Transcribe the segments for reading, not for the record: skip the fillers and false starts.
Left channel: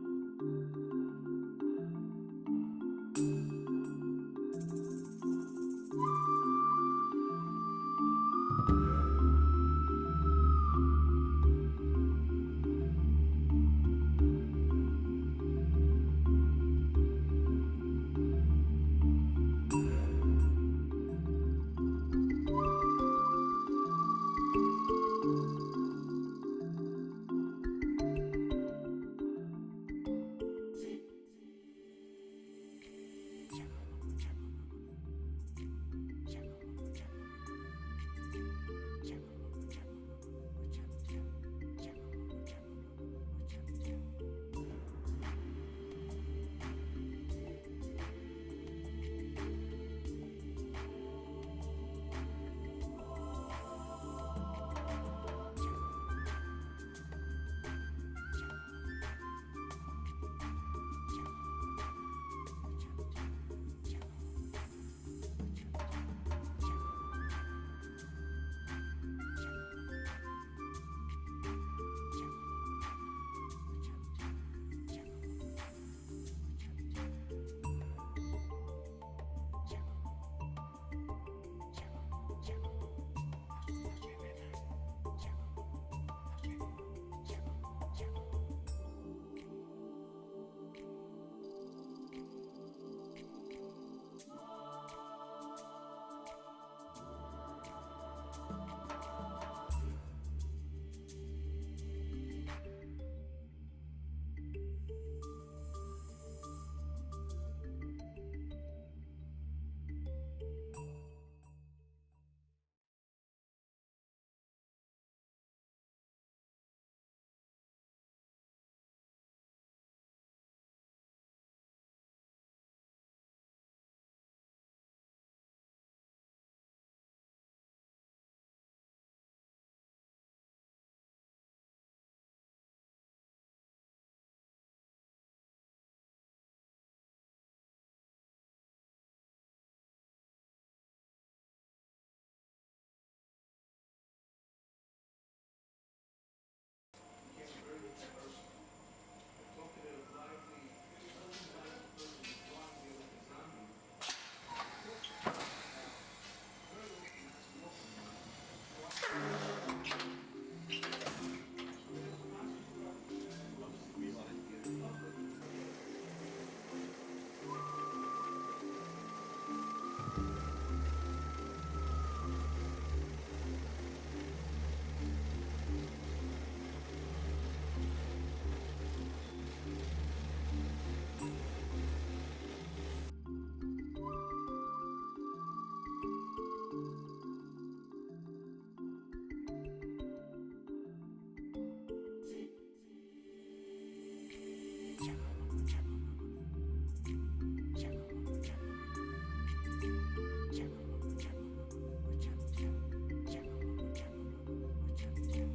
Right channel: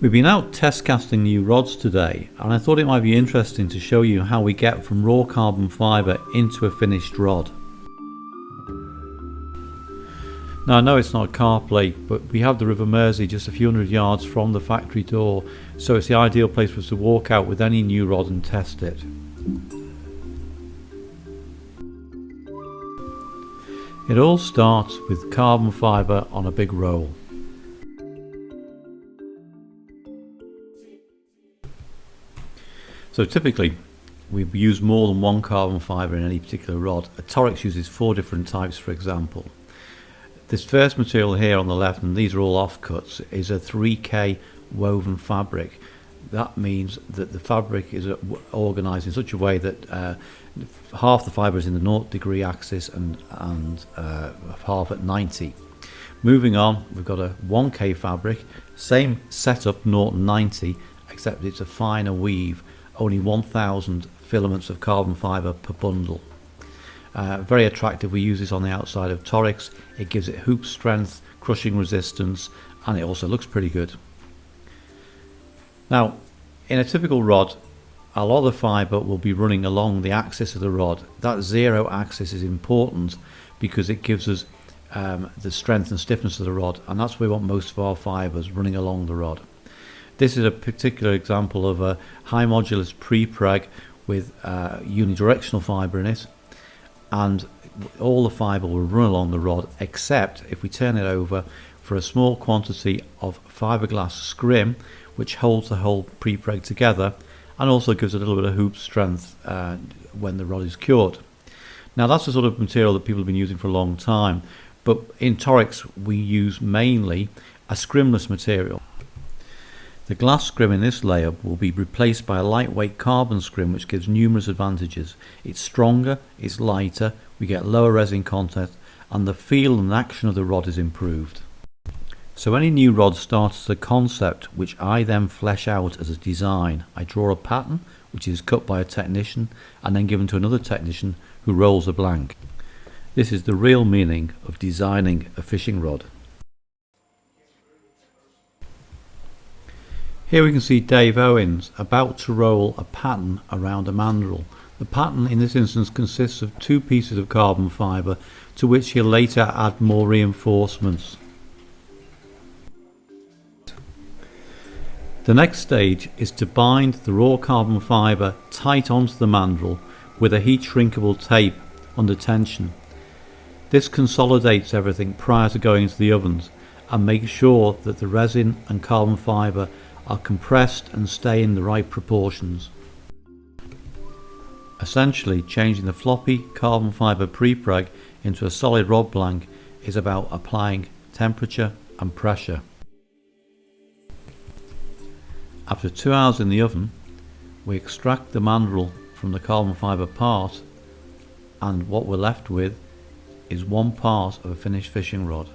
We've been out test casting new rods today, and I thought it might be interesting to show you how we get from raw carbon fibre into a finished rod. Now I know it's not a carp lake, but we have the River Mersey just a few hundred yards from the factory door, so it's the ideal place for us to walk out with any new rod and test it. It all starts with carbon fibre on a big roll. So typically we use more than one carbon fibre in any particular rod. A Torrix uses 4 different types, for example. This first material here on the left, and these are all offcuts, is a 3K woven fabric. That means that the fabric is organised in such a way that half the fibre is in the 0° axis and half at 90. Moving on, we've got a 1K fabric, same setup, 0 and 90, except it's a finer weave, only 1,000 filaments of carbon fibre per bundle. Very attractive. We use this on the outside of Torrix. It gives it hoop strength, crushing resistance, and it also looks pretty good. Now, in a typical rod, a lot of the fibre will be running along the axis of the rod. That 0 axis is important because it gives us the strength and stiffness of the rod, and that's where we want most of our fibres running along the rod. This is a particular example of a high modulus pre-preg with unidirectional fibre in it, and all the fibre will run along the rod, except if we turn it over for a small quantity of fiberglass scrim, which holds the whole pre-preg together and also gives a little bit of hoop strength when the rod is cured. Now that's the sort of material that people have been using for a long time, but in Torrix we use mainly a scrimless material. The glass scrim in this layer will be replaced by a lightweight carbon scrim, which gives numerous advantages. It's stronger, it's lighter, we get lower resin content, and the feel and action of the rod is improved. So any new rod starts as a concept, which I then flesh out as a design. I draw a pattern, which is cut by a technician, and then given to another technician who rolls a blank. This is the real meaning of designing a fishing rod. Here we can see Dave Owens about to roll a pattern around a mandrel. The pattern in this instance consists of 2 pieces of carbon fibre, to which he'll later add more reinforcements. The next stage is to bind the raw carbon fibre tight onto the mandrel with a heat shrinkable tape under tension. This consolidates everything prior to going into the ovens and makes sure that the resin and carbon fibre are compressed and stay in the right proportions. Essentially, changing the floppy carbon fibre pre-preg into a solid rod blank is about applying temperature and pressure. After 2 hours in the oven, we extract the mandrel from the carbon fibre part, and what we're left with is one part of a finished fishing rod.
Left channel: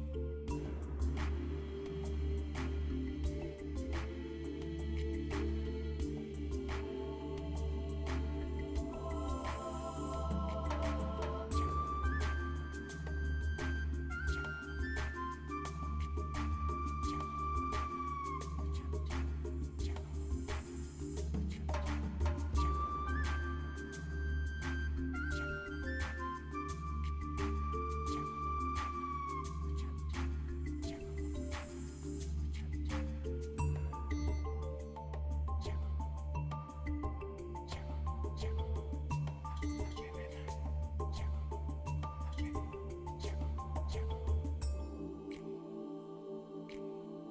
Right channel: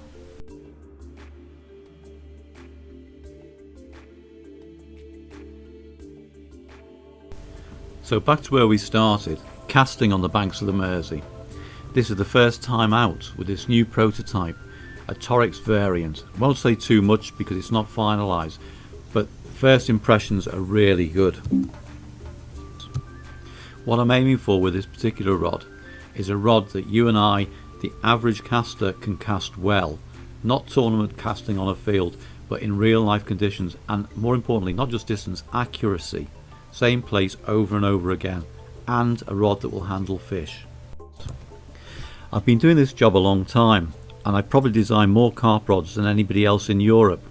So back to where we started, casting on the banks of the Mersey. This is the first time out with this new prototype, a Torrix variant. I won't say too much because it's not finalised, but first impressions are really good. What I'm aiming for with this particular rod is a rod that you and I, the average caster, can cast well. Not tournament casting on a field, but in real life conditions, and more importantly, not just distance, accuracy. Same place over and over again, and a rod that will handle fish. I've been doing this job a long time, and I probably design more carp rods than anybody else in Europe,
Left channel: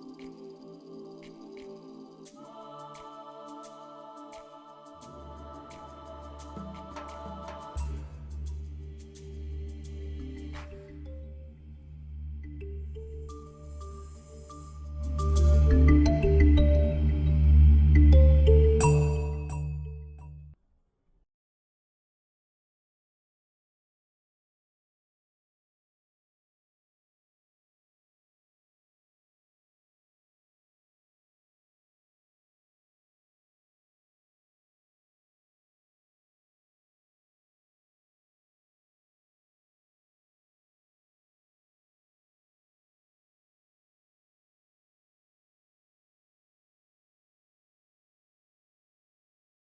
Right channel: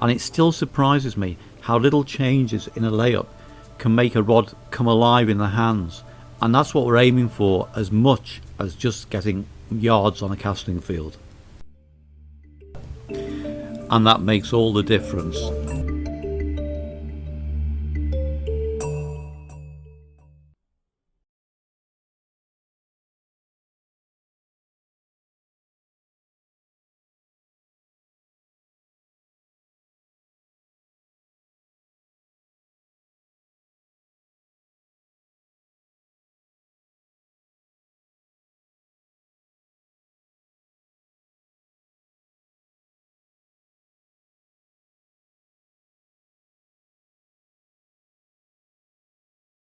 and it still surprises me how little changes in a layup can make a rod come alive in the hands, and that's what we're aiming for as much as just getting yards on a casting field. And that makes all the difference.